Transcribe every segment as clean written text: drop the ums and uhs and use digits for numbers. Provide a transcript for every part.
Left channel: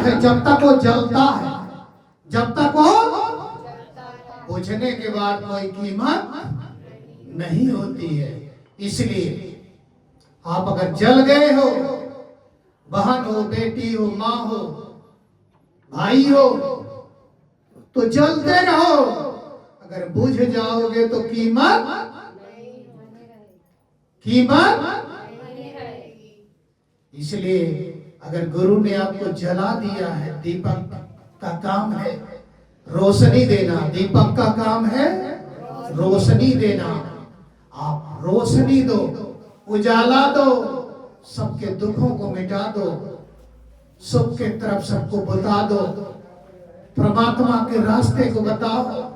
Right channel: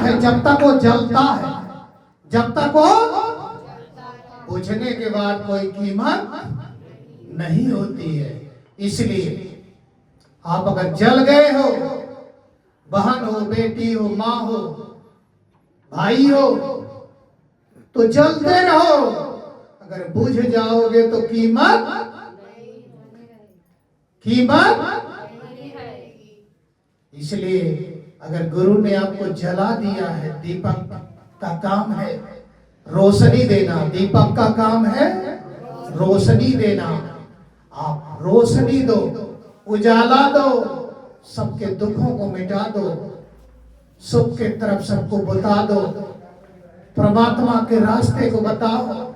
है जब तक वो जलता है, जब तक वो बुझने के बाद कोई कीमत नहीं होती है। इसलिए आप अगर जल गए हो, बहन हो, बेटी हो, माँ हो, भाई हो, तो जलते रहो। अगर बुझ जाओगे तो कीमत इसलिए अगर गुरु ने आपको जला दिया है, दीपक का काम है रोशनी देना, दीपक का काम है रोशनी देना। आप रोशनी दो, उजाला दो, सबके दुखों को मिटा दो, सुख के तरफ सबको बता दो, परमात्मा के रास्ते को बताओ।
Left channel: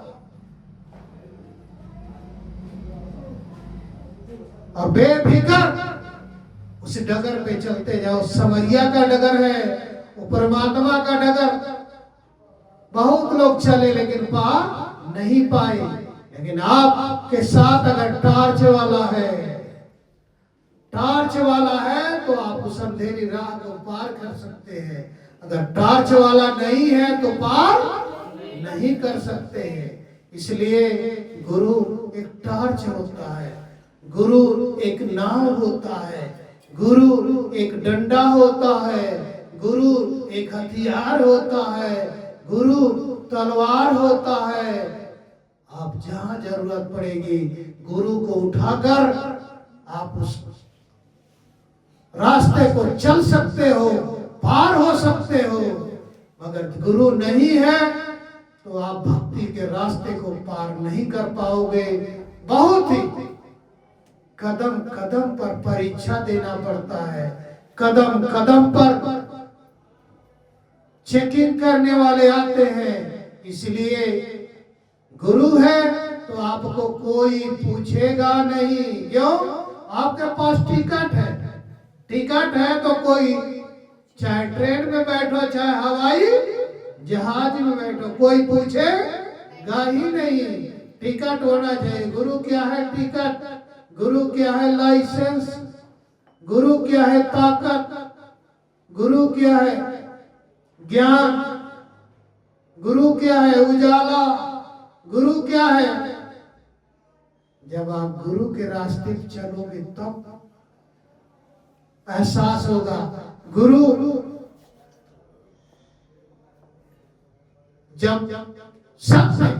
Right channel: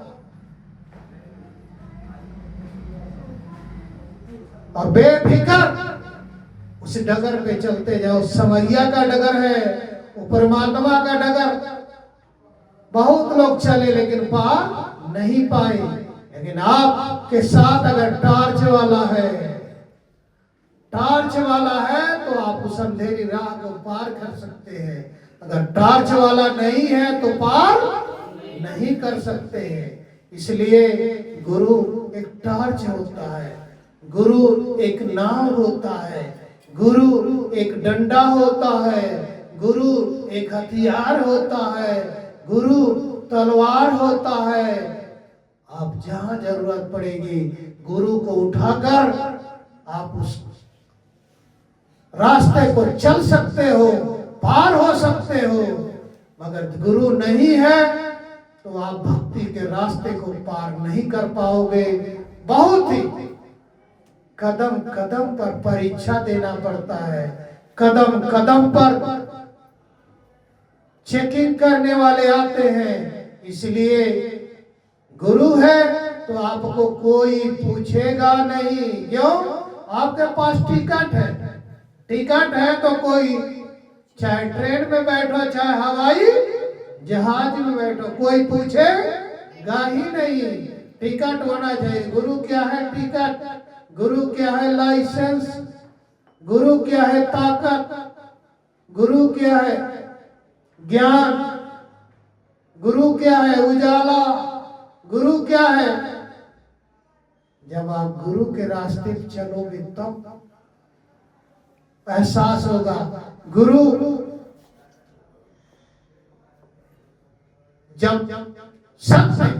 और बेफिक्र उस डगर पे चलते जाओ। समरिया का डगर है, वो परमात्मा का डगर। बहुत लोग चले लेकिन पार नहीं पाए। लेकिन आपके साथ अगर टार्च वाला है, टार्च वाला है तो आप उस अंधेरी राह को पार कर सकते हैं। अगर टार्च वाला नहीं है तो पार नहीं कर सकते हैं। इसलिए गुरु एक टार्च होता है, गुरु एक नाव होता है, गुरु एक डंडा होता है, गुरु एक हथियार होता है, गुरु तलवार होता है। आप जहां जरूरत पड़ेगी गुरु को उठाकर आप उस रास्ते को चल सकते हो, पार हो सकते हो। मगर गुरु नहीं है तो आप भक्ति के रास्ते को पार नहीं कर पाओगे। बहुत ही कदम कदम पर परीक्षा देना पड़ता है, कदम कदम पर चेकिंग करने वाले आते हैं। इसलिए गुरु है तो आपको कोई पूछेगा नहीं। क्यों? आपके पास टिकट है, टिकट है तो कोई, चाहे ट्रेन में बैठो चाहे हवाई जहाज में बैठो, कोई पूछेगा ही नहीं। टिकट होना चाहिए। गुरु क्या है? टिकट। गुरु क्या है? लाइसेंस। गुरु क्या है? ताकत। गुरु क्या है? ज्ञान। गुरु क्या है? उजाला। गुरु क्या है? जब आप गुरु के रास्ते पर चलोगे तब एहसास होगा। गुरु जब सत्य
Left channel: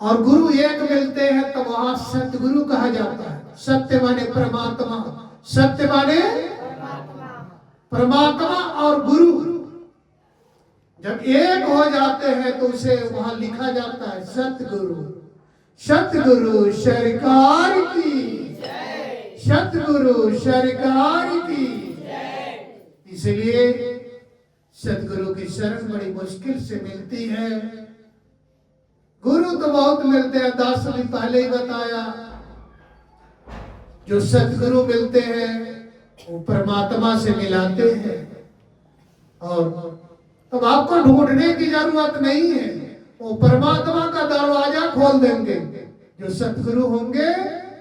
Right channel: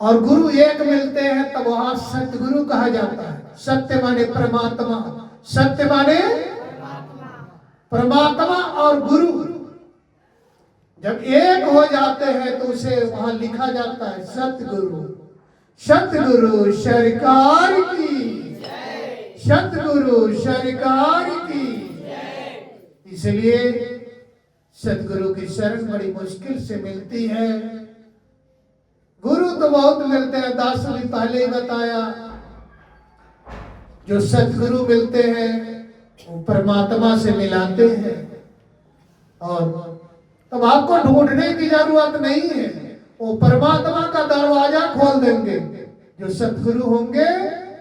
और गुरु एक मिलते हैं तब वहां सतगुरु कहा जाता है। सत्य माने परमात्मा, सत्य माने परमात्मा और गुरु जब एक हो जाते हैं तो उसे वहां लिखा जाता है सतगुरु। सतगुरु सरकार की, सतगुरु सरकार की। इसलिए सतगुरु की शरण बड़ी मुश्किल से मिलती है। गुरु तो बहुत मिलते हैं, दास ने पहले ही बताया। जो सतगुरु मिलते हैं वो परमात्मा से मिलाते हैं और तब आपको ढूंढने की जरूरत नहीं है, वो परमात्मा का दरवाजा खोल देंगे। जो सतगुरु होंगे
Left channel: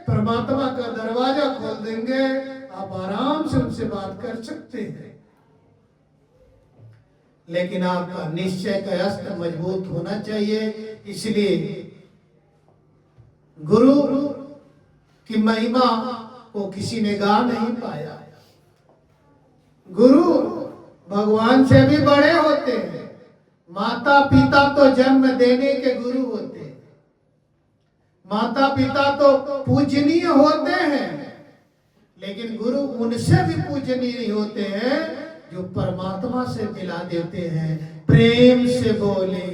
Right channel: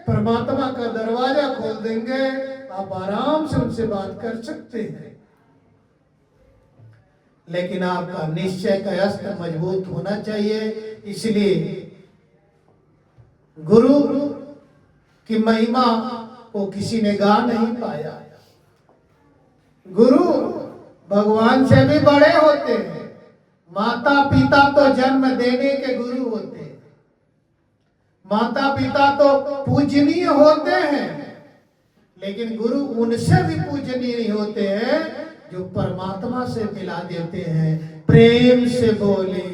परमात्मा का दरवाजा खोल देंगे, आप आराम से उनसे बात कर सकते हैं। लेकिन आपका निश्चय का अस्त्र मजबूत होना चाहिए। इसलिए गुरु की महिमा को किसी ने गा नहीं पाया। गुरु भगवान से भी बड़े होते हैं। माता पिता तो जन्म देने के गुरु होते हैं, माता पिता तो पूजनीय होते हैं, लेकिन गुरु उनसे भी पूजनीय होते हैं जो परमात्मा से मिला देते हैं। प्रेम से बोले,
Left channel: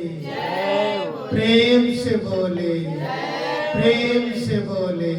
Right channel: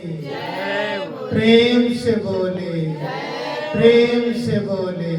प्रेम से बोले, प्रेम से बोले।